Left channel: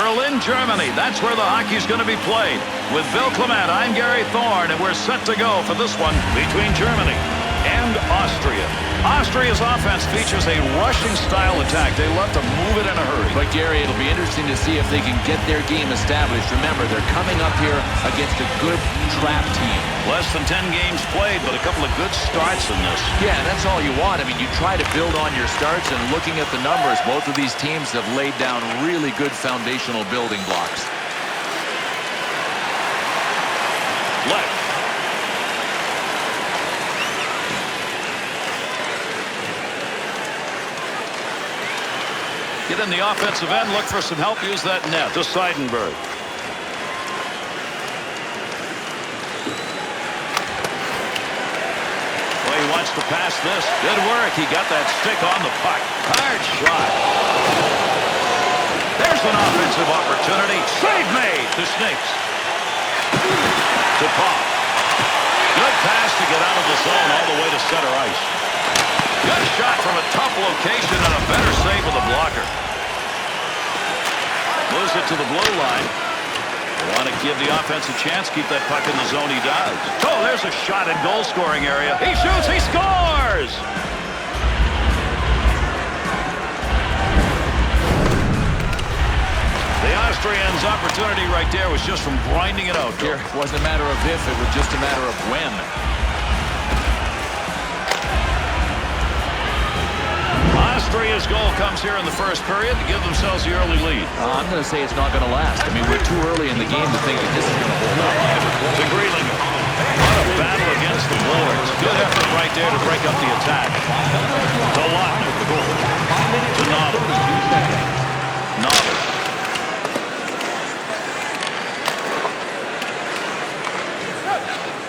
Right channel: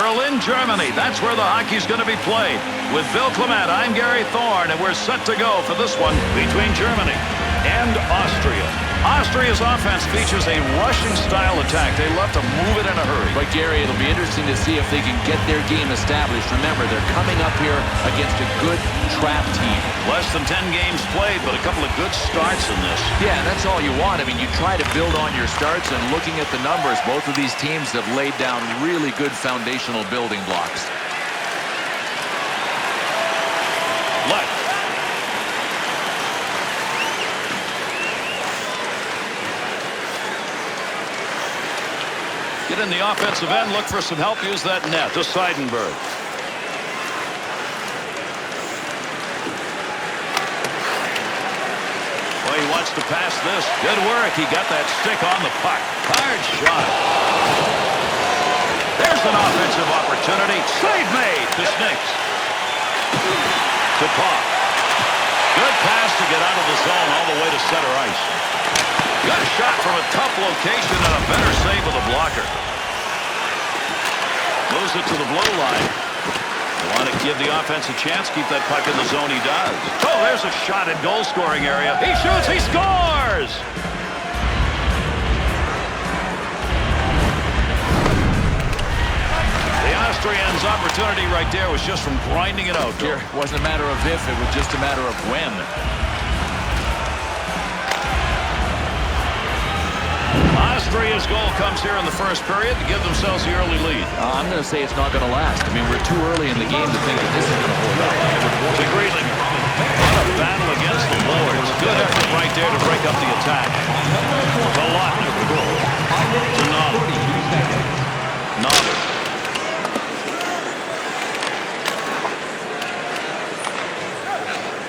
Berlin, Germany. That's where the hockey's going to be played. With Bill Clement, I'm Gary Thorne, and we're set to go for this one between Germany and Austria. Austria's offense features a rushing style attack. They love to move it in a hurry. But Gary, it'll be interesting to see if they can get their game established. Remember, they're coming up here against a good trap team. Less than 10 games played, but a couple of good starts in this. Yeah, and that's all you want. I mean, you try to build on your starts, and looking at the numbers, both of these teams have laid down really good foundational building blocks. Left. Get in the offensive end, look for some help, use that net to Seidenberg. Well, he wants to pass this. Good work. He got that stick on the puck. Hard shot. There's an offensive opportunity. Save made to Schnicks. To Pop. Good pass to get out of the zone all the way to center ice. Good shot from a tough location and a better save with a blocker. Moves it to the blue line. They want to give the offense a chance, keep that puck in the zone. He does. Oh, there's a shot at goal scoring area. He shoots, he scores! The Austrians' opportunity right there was just from grinding it out. Here, it wasn't a matter of if, it was just a matter of when. Austria's goal comes here in the first period to give themselves the early lead. I'm going to say it's not going to last. I mean, we're too early in the game to think that this is going to hold up. To Grealinger. What a battle against the boards. Good effort right there to break up the attack. To Lautner. To Noddle. Noddle.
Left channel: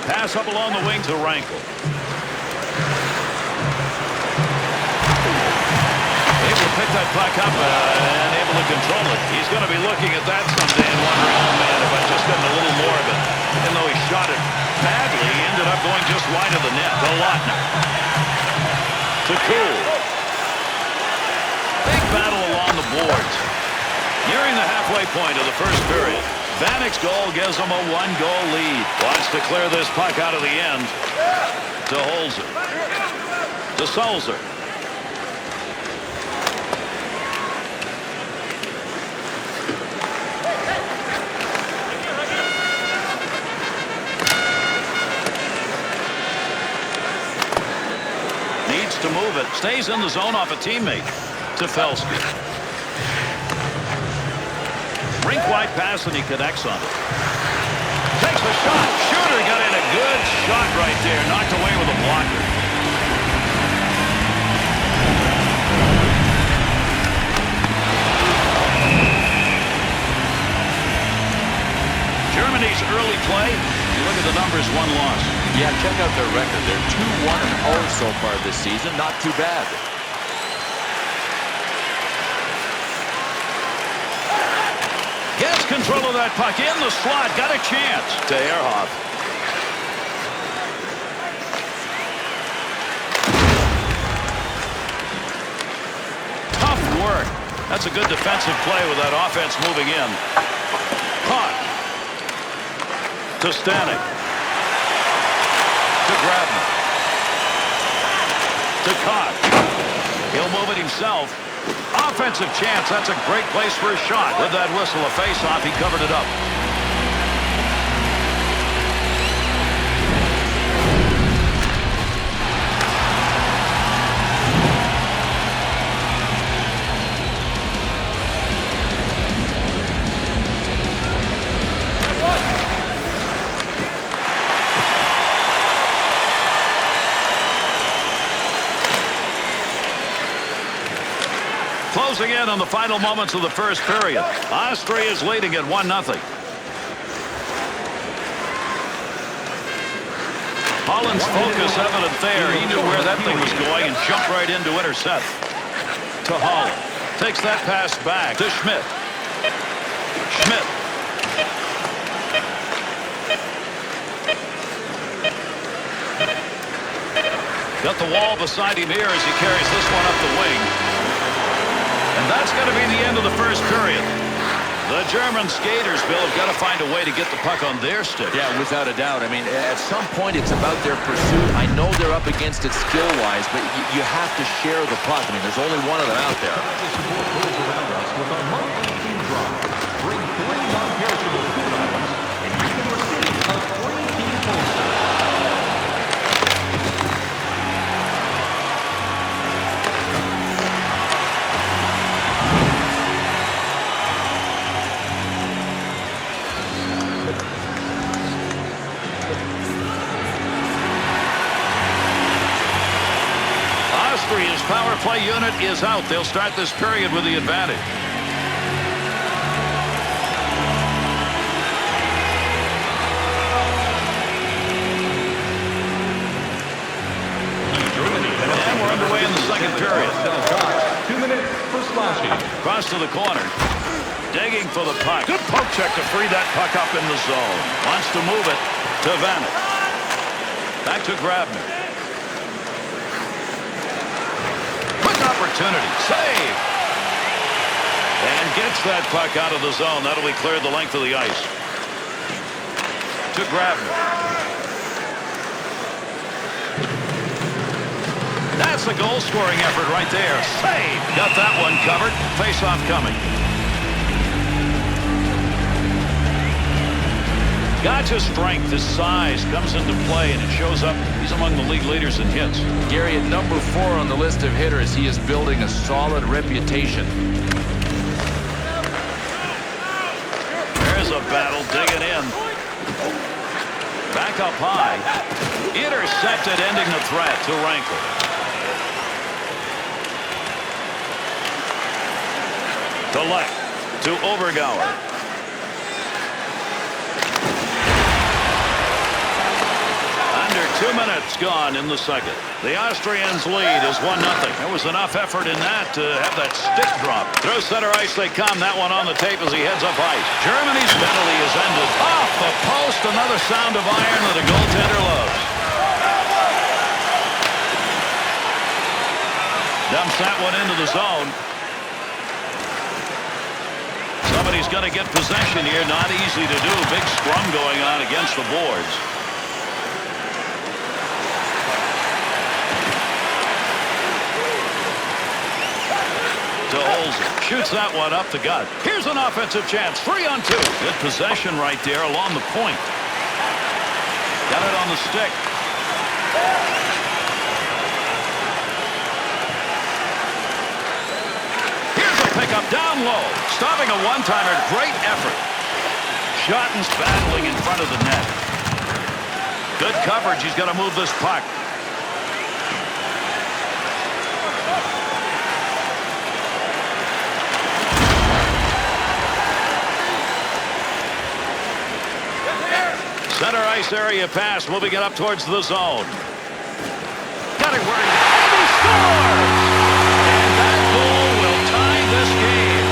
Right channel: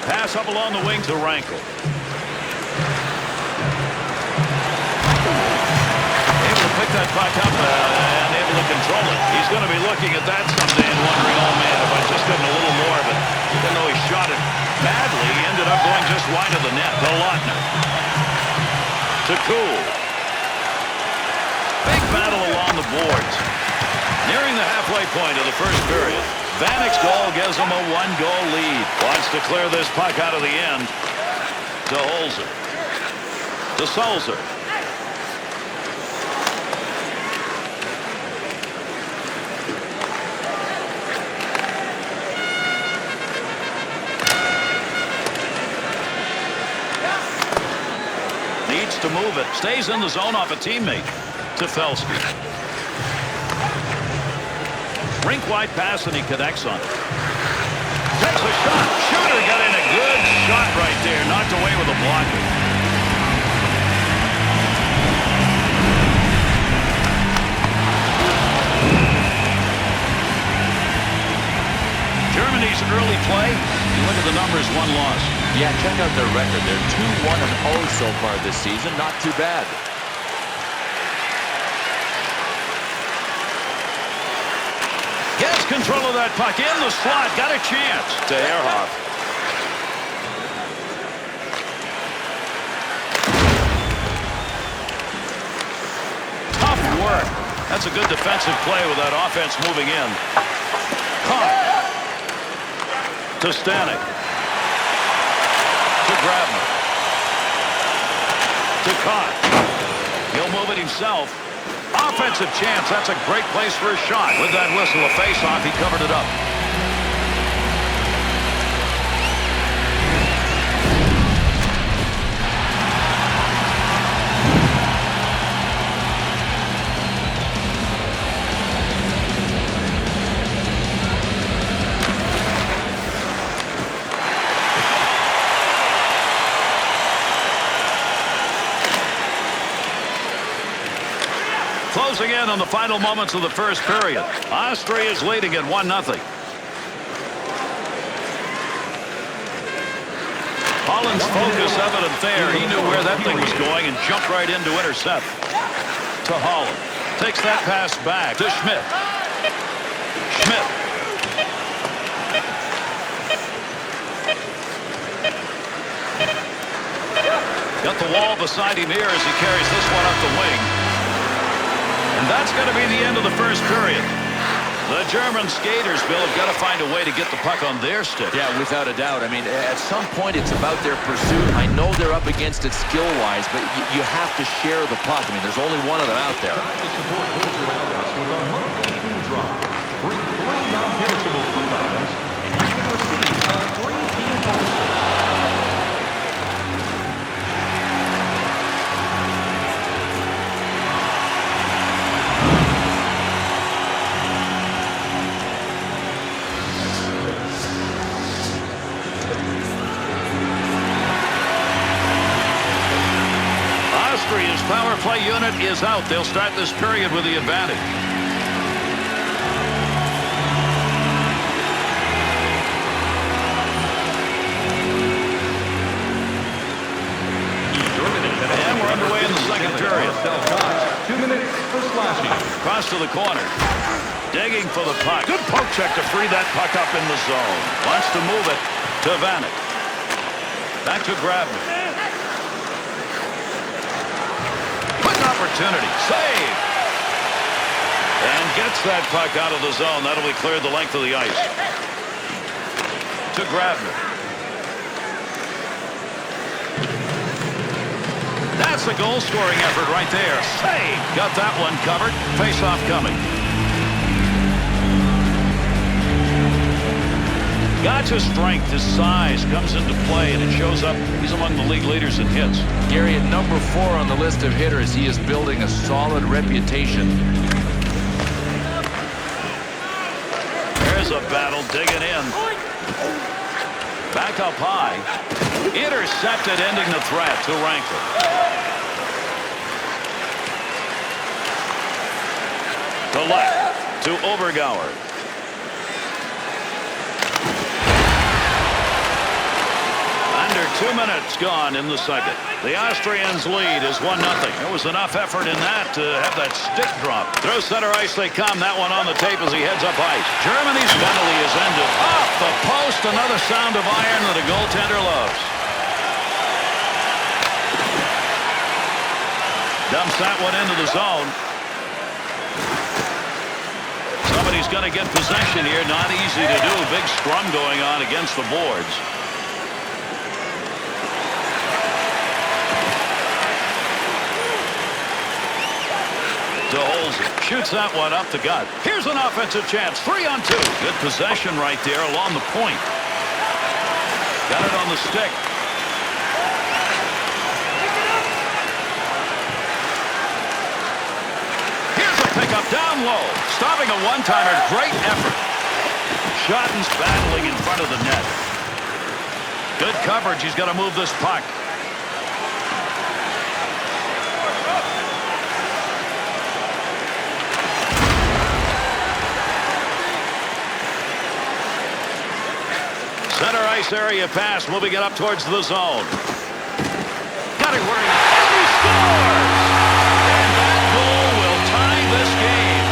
Pass up along the wing to Rankel. Able to pick that puck up and able to control it. He's going to be looking at that someday and wondering, oh man, if I'd just gotten a little more of it. Even though he shot it badly, he ended up going just wide of the net. To Lautner. To Kuhl. Big battle along the boards. Nearing the halfway point of the first period. Vanek's goal gives him a one-goal lead. Wants to clear this puck out of the end. To Holzer. To Sulzer. Needs to move it. Stays in the zone off a teammate. To Felski. Rink-wide pass, and he connects on it. Takes a shot. Shooter got in a good shot right there. Knocked away with a blocker. Germany's early play. You look at the numbers, one loss. Yeah, check out their record. They're 2-1-0 so far this season. Not too bad. Gets control of that puck in the slot. Got a chance. To Ehrhoff. Tough work. That's a good defensive play with that offense moving in. Caught. To Stanek. To Grabner. To Cott. He'll move it himself. Offensive chance. That's a great place for a shot. With that whistle, a face-off, he covered it up. Closing in on the final moments of the first period. Austria is leading at 1-0. Holland's focus evident there. He knew where that thing was going and jumped right in to intercept. To Holland. Takes that pass back to Schmidt. Schmidt. Got the wall beside him here as he carries this one up the wing. And that's going to be the end of the first period. The German skaters, Bill, have got to find a way to get the puck on their stick. Yeah, without a doubt. I mean, at some point, it's about their pursuit. I know they're up against it skill-wise, but you have to share the puck. I mean, there's only one of them out there. Try to support those around us with our monthly food drive. Bring 3 non-perishable food items, and you can receive a free team poster. Austria's power play unit is out. They'll start this period with the advantage. And we're underway in the second period. 2 minutes for slashing. Cross to the corner. Digging for the puck. Good poke check to free that puck up in the zone. Wants to move it to Vanek. Back to Grabner. Quick opportunity. Save. And gets that puck out of the zone. That'll be cleared the length of the ice. To Grabner. That's a goal-scoring effort right there. Save. Got that one covered. Face-off coming. Gotcha's strength, his size comes into play, and it shows up. He's among the league leaders in hits. Gary, at number 4 on the list of hitters, he is building a solid reputation. There's a battle digging in. Back up high. Intercepted, ending the threat to Rankle. To left, to Obergauer. Under 2 minutes gone in the second. The Austrians' lead is 1-0. There was enough effort in that to have that stick drop. Through center ice they come. That one on the tape as he heads up ice. Germany's penalty is ended. Off the post, another sound of iron that a goaltender loves. Dumps that one into the zone. Somebody's going to get possession here. Not easy to do. Big scrum going on against the boards. To Olsen. Shoots that one up the gut. Here's an offensive chance. 3-on-2. Good possession right there along the point. Got it on the stick. Here's a pickup down low. Stopping a one-timer. Great effort. Schotten's battling in front of the net. Good coverage. He's got to move this puck. Center ice area pass, moving it up towards the zone. Got it where and he scores! And that goal will tie this game.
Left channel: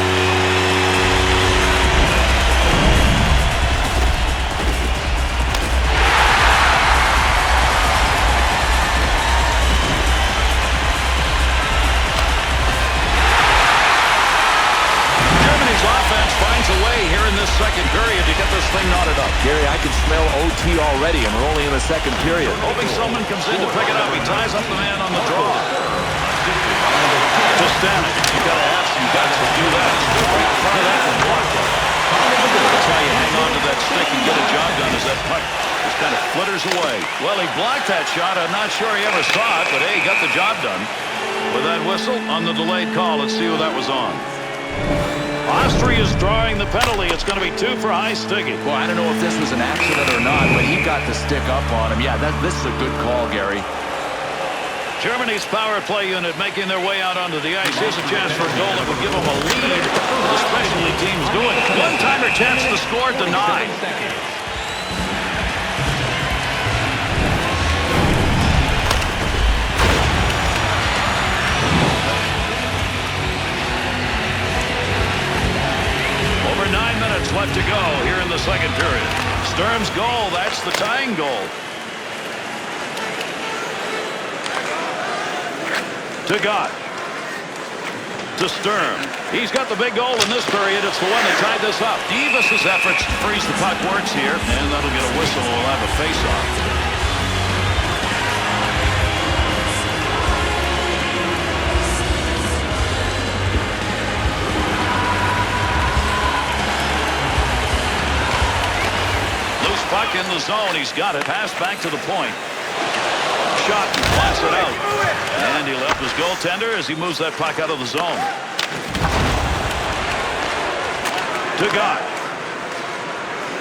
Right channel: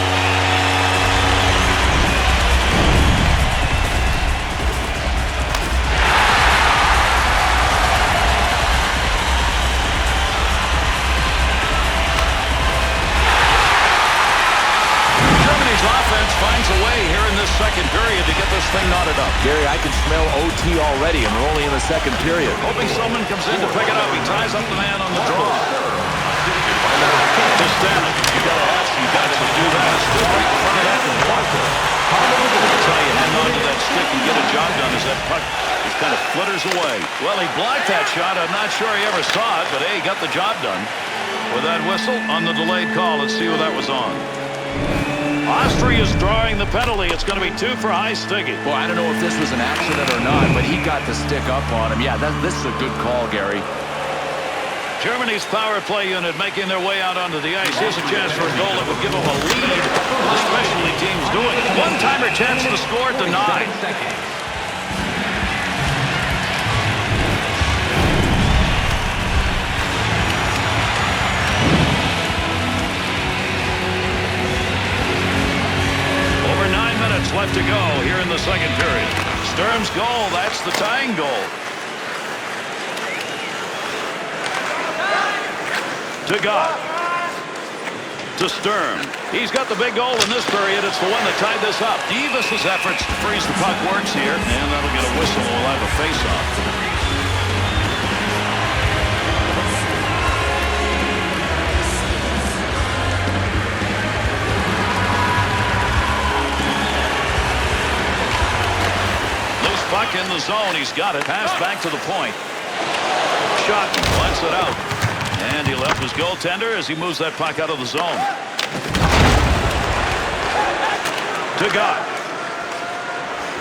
Germany's offense finds a way here in this second period to get this thing knotted up. Gary, I can smell OT already, and we're only in the second period. Hoping someone comes in to pick it up. He ties up the man on the draw. To Stanek. You got to have some guts to do that. Stood right in front of that and blocked it. That's how you hang on to that stick and get a job done, as that puck just kind of flitters away. Well, he blocked that shot. I'm not sure he ever saw it, but hey, he got the job done. With that whistle on the delayed call, let's see who that was on. Austria's drawing the penalty. It's going to be 2 for high sticking. Well, I don't know if this was an accident or not, but he got the stick up on him. Yeah, this is a good call, Gary. Germany's power play unit making their way out onto the ice. Here's a chance for a goal that would give them a lead. What the specialty team's doing. One-timer chance to score, denied. Over 9 minutes left to go here in the second period. Sturm's goal, that's the tying goal. To God. To Sturm. He's got the big goal in this period. It's the one that tied this up. Davis's efforts to freeze the puck works here, and that'll get a whistle. We'll have a face-off. Loose puck in the zone. He's got it. Pass back to the point. Shot. Wants it out. And he left his goaltender as he moves that puck out of the zone. To God.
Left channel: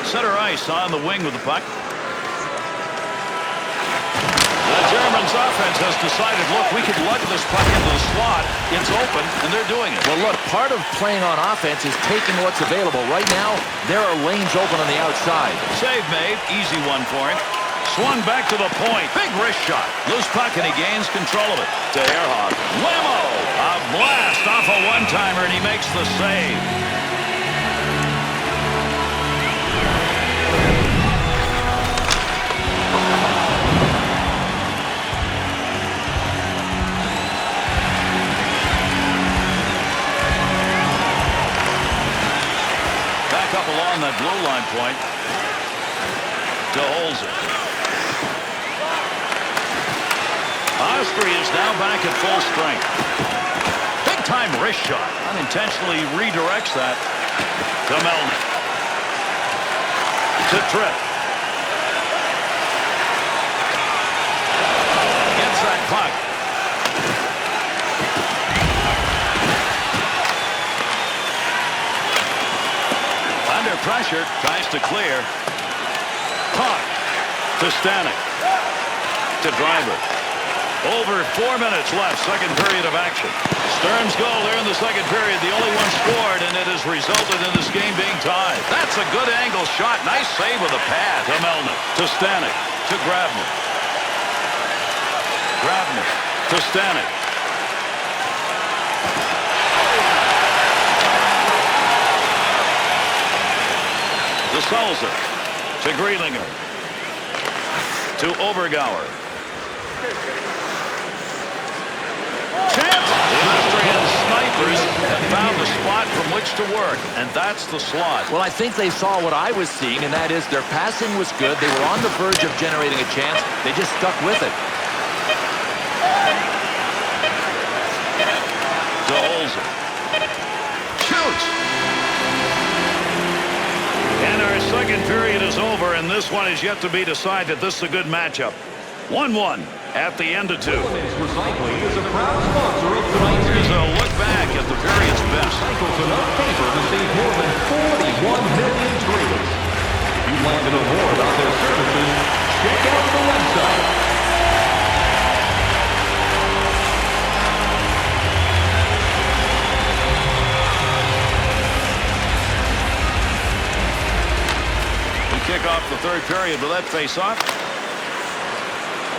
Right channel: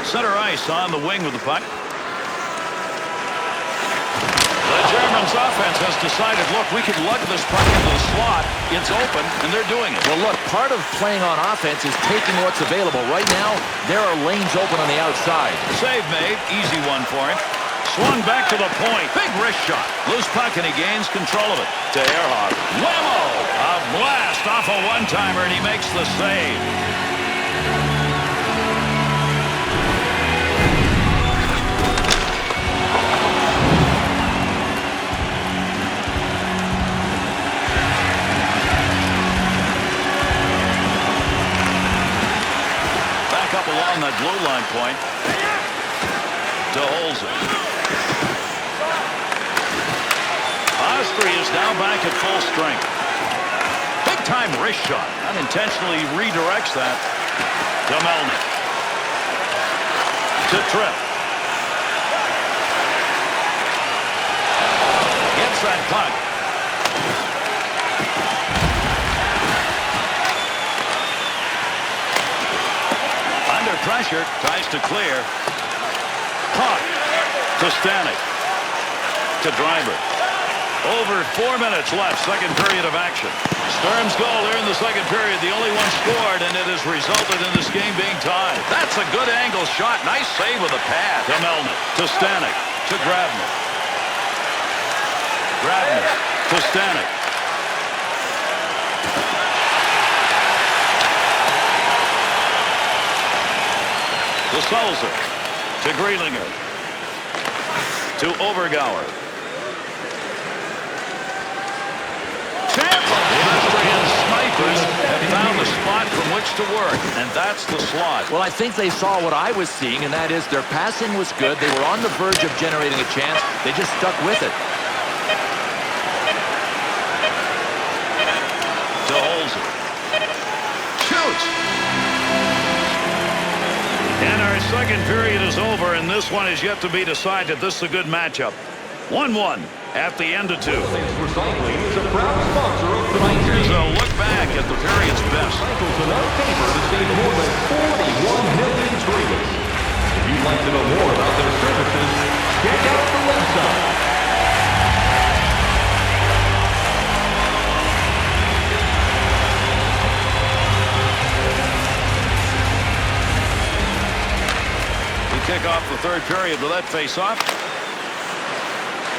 Center ice on the wing with the puck. The Germans' offense has decided, look, we can lug this puck into the slot. It's open, and they're doing it. Well, look, part of playing on offense is taking what's available. Right now, there are lanes open on the outside. Save made. Easy one for him. Swung back to the point. Big wrist shot. Loose puck, and he gains control of it. To Ehrhoff. Whammo! A blast off a one-timer, and he makes the save. Back up along that blue line point. To Olsen. Austria is now back at full strength. Big time wrist shot. Unintentionally redirects that to Melnick. To Tripp. Gets that puck. Under pressure, tries to clear. Caught. To Stanek. To Dreiber. Over 4 minutes left, second period of action. Sturm's goal there in the second period, the only one scored, and it has resulted in this game being tied. That's a good angle shot. Nice save with a pad. To Melnick. To Stanek. To Grabner. Grabner. To Stanek. To Sulzer. To Grealinger. To Overgauer. Chance! The Austrian snipers have found a spot from which to work, and that's the slot. Well, I think they saw what I was seeing, and that is their passing was good. They were on the verge of generating a chance. They just stuck with it. To Holzer. Shoots! And our second period is over, and this one is yet to be decided. This is a good matchup. 1-1 at the end of two. Elements Recycling is a proud sponsor of tonight's Here's game. a look back at the period's best. Recycles enough paper to save more than 41 million trees. If you'd like to know more about their services, check out the website. We kick off the third period with that face-off.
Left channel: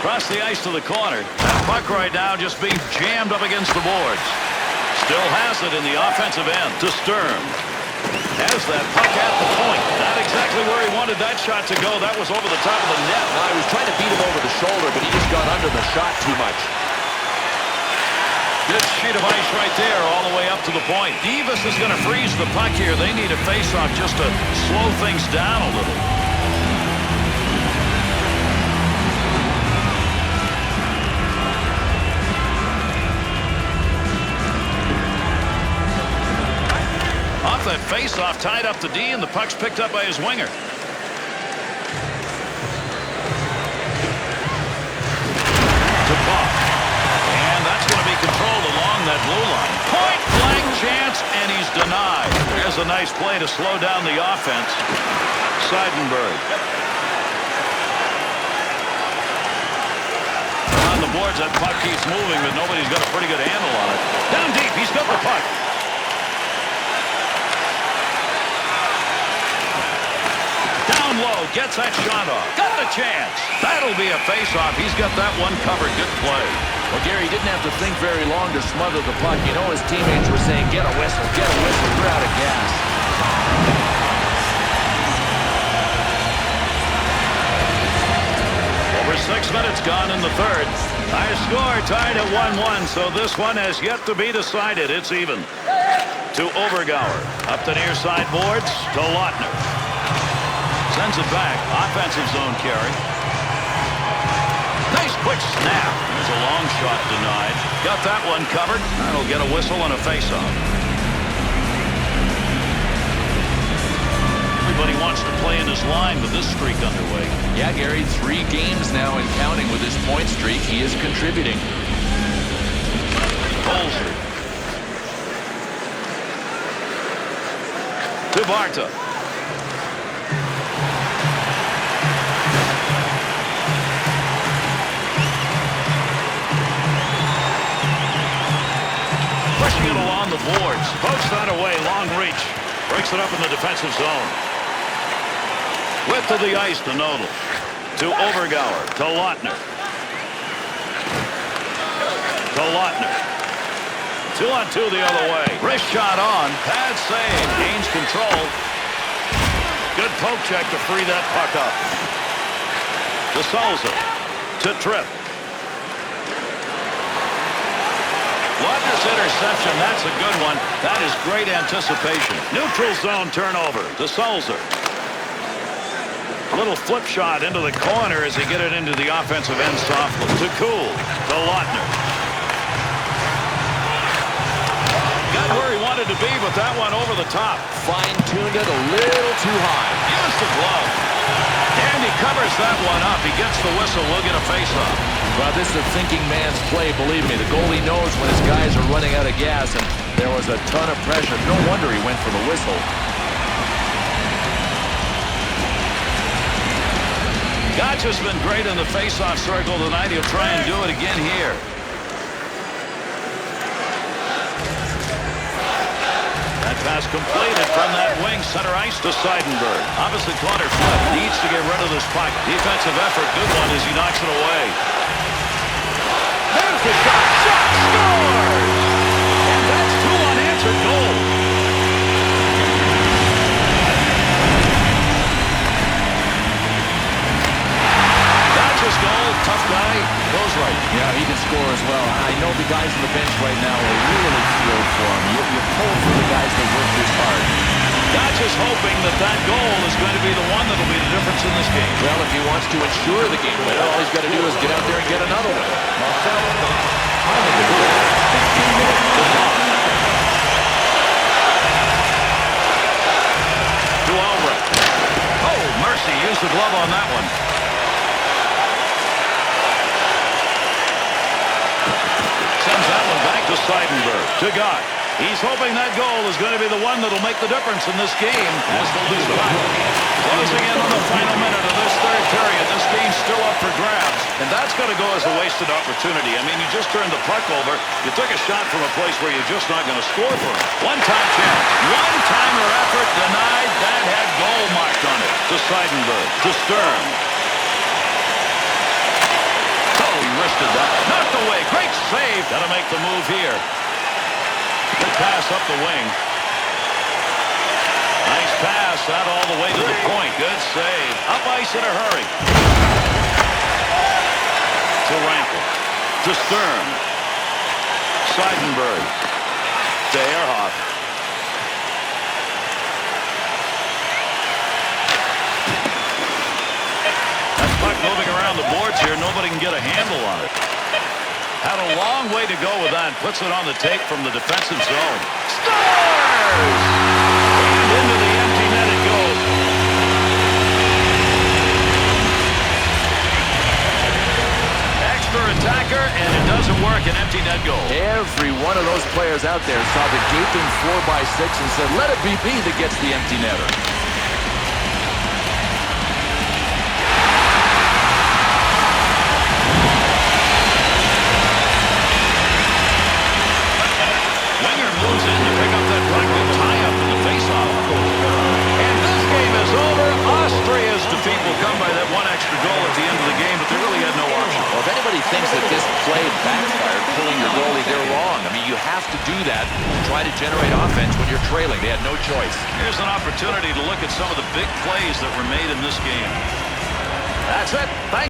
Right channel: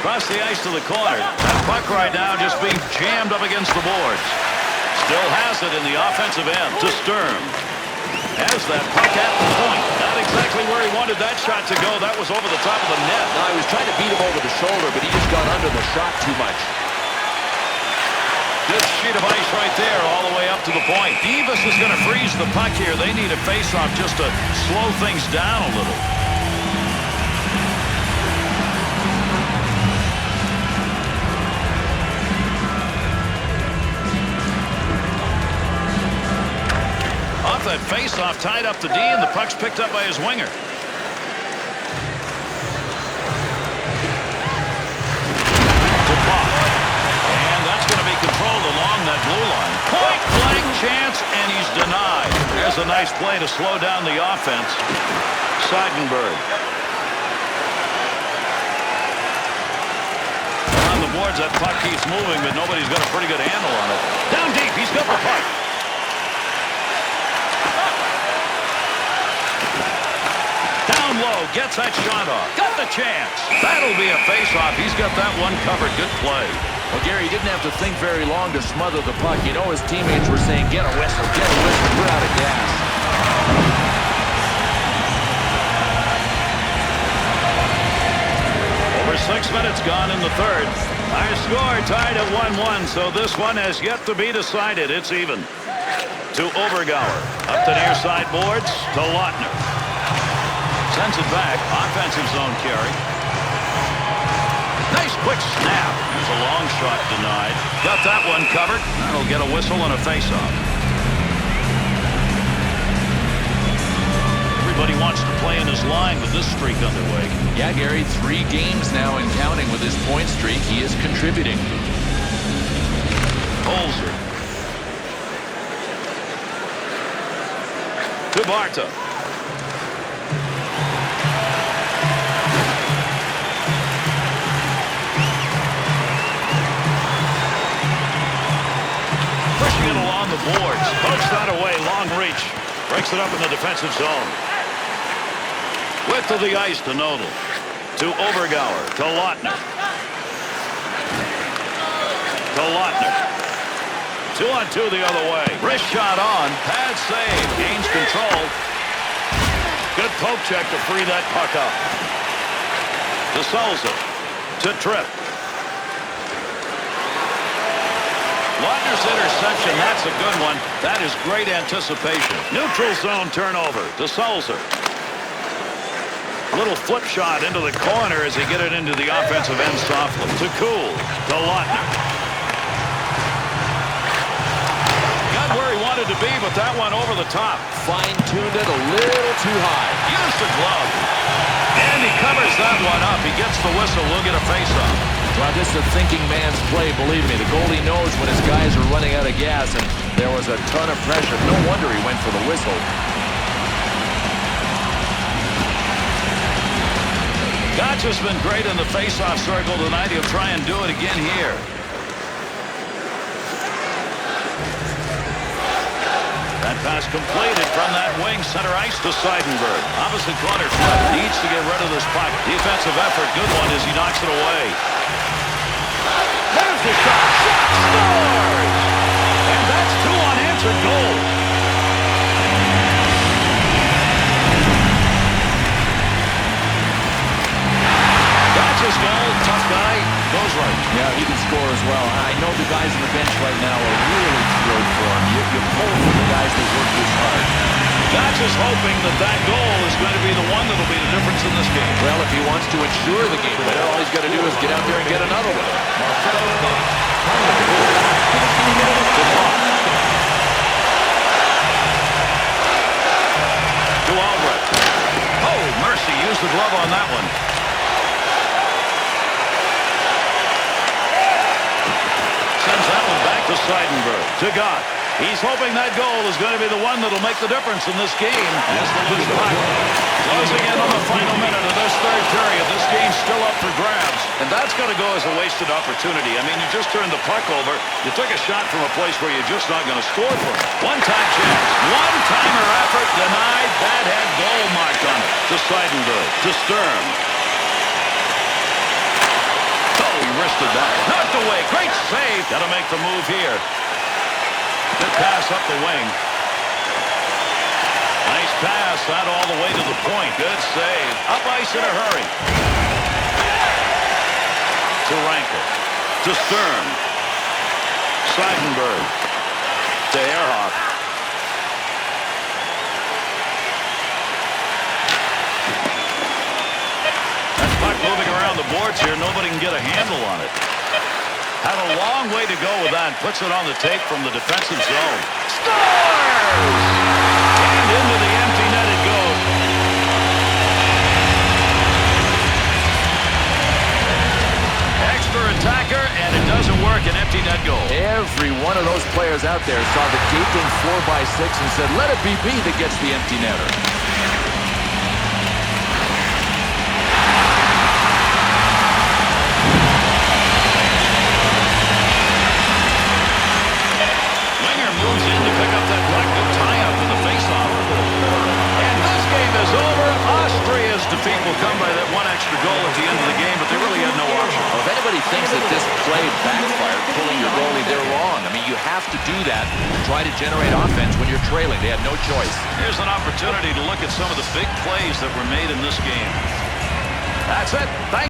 Across the ice to the corner. That puck right now just being jammed up against the boards. Still has it in the offensive end. To Sturm. Has that puck at the point. Not exactly where he wanted that shot to go. That was over the top of the net. No, I was trying to beat him over the shoulder, but he just got under the shot too much. Good sheet of ice right there all the way up to the point. Davis is going to freeze the puck here. They need a face-off just to slow things down a little. Off that face-off, tied up to D, and the puck's picked up by his winger. To Bach. And that's going to be controlled along that blue line. Point-blank chance, and he's denied. There's a nice play to slow down the offense. Seidenberg. On the boards, that puck keeps moving, but nobody's got a pretty good handle on it. Down deep, he's got the puck. Down low, gets that shot off. Got the chance. That'll be a face-off. He's got that one covered. Good play. Well, Gary didn't have to think very long to smother the puck. You know, his teammates were saying, get a whistle, we're out of gas. Over 6 minutes gone in the third. Our score tied at 1-1, so this one has yet to be decided. It's even. To Overgauer. Up the near side boards to Lautner. Sends it back. Offensive zone carry. Nice quick snap. There's a long shot denied. Got that one covered. That'll get a whistle and a face-off. Everybody wants to play in his line with this streak underway. Yeah, Gary, 3 games now and counting with his point streak. He is contributing. Holzer. To Barta. Pushing it along the boards. Pokes that away. Long reach. Breaks it up in the defensive zone. Width of the ice to Nodal. To Overgauer. To Lautner. To Lautner. 2-on-2 the other way. Wrist shot on. Pad save. Gains control. Good poke check to free that puck up. To Souza. To Tripp. Lautner's interception. That's a good one. That is great anticipation. Neutral zone turnover to Souza. Little flip shot into the corner as they get it into the offensive end softly. To Kuhl. To Lautner. Got where he wanted to be, but that one over the top. Fine-tuned it a little too high. Used the glove. And he covers that one up. He gets the whistle. We'll get a face-off. Well, this is a thinking man's play, believe me. The goalie knows when his guys are running out of gas, and there was a ton of pressure. No wonder he went for the whistle. Gotch has been great in the face-off circle tonight. He'll try and do it again here. That pass completed from that wing center ice to Seidenberg. Opposite corner flip. Needs to get rid of this puck. Defensive effort. Good one as he knocks it away. There's the shot. Shot scores! And that's 2 unanswered goals. Gotch's goal. Tough guy. Goes right. Yeah, he can score as well. I know the guys on the bench right now are really thrilled for him. You pull for the guys that work this hard. Gotch is hoping that that goal is going to be the one that'll be the difference in this game. Well, if he wants to ensure the game winner, all he's got to do is get out there and get another one. Marcel Goss. Time of the goal, 16 minutes to Bob. To Albrecht. Oh, mercy. Used the glove on that one. Sends that one back to Seidenberg. To Gott. He's hoping that goal is going to be the one that'll make the difference in this game as the loose puck. Closing in on the final minute of this third period. This game's still up for grabs, and that's going to go as a wasted opportunity. I mean, you just turned the puck over. You took a shot from a place where you're just not going to score from it. One-time chance. One-timer effort denied. That had goal marked on it. To Seidenberg. To Sturm. Oh, he wristed that. Knocked away. Great save. Got to make the move here. Good pass up the wing. Nice pass out all the way to the point. Good save. Up ice in a hurry. To Rankel. To Sturm. Seidenberg. To Ehrhoff. That puck moving around the boards here. Nobody can get a handle on it. Had a long way to go with that. Puts it on the tape from the defensive zone. Scores! And into the empty net it goes. Extra attacker, and it doesn't work. An empty net goal. Every one of those players out there saw the gaping 4x6 and said, let it be me that gets the empty netter. Winger moves in to pick up that puck. Good tie-up in the face-off. And this game is over. Austria's defeat will come by that one extra goal at the end of the game, but they really had no option. Well, if anybody thinks that this play backfired, pulling your goalie, they're wrong. I mean, you have to do that to try to generate offense when you're trailing. They had no choice. Here's an opportunity to look at some of the big plays that were made in this game. That's it. Thank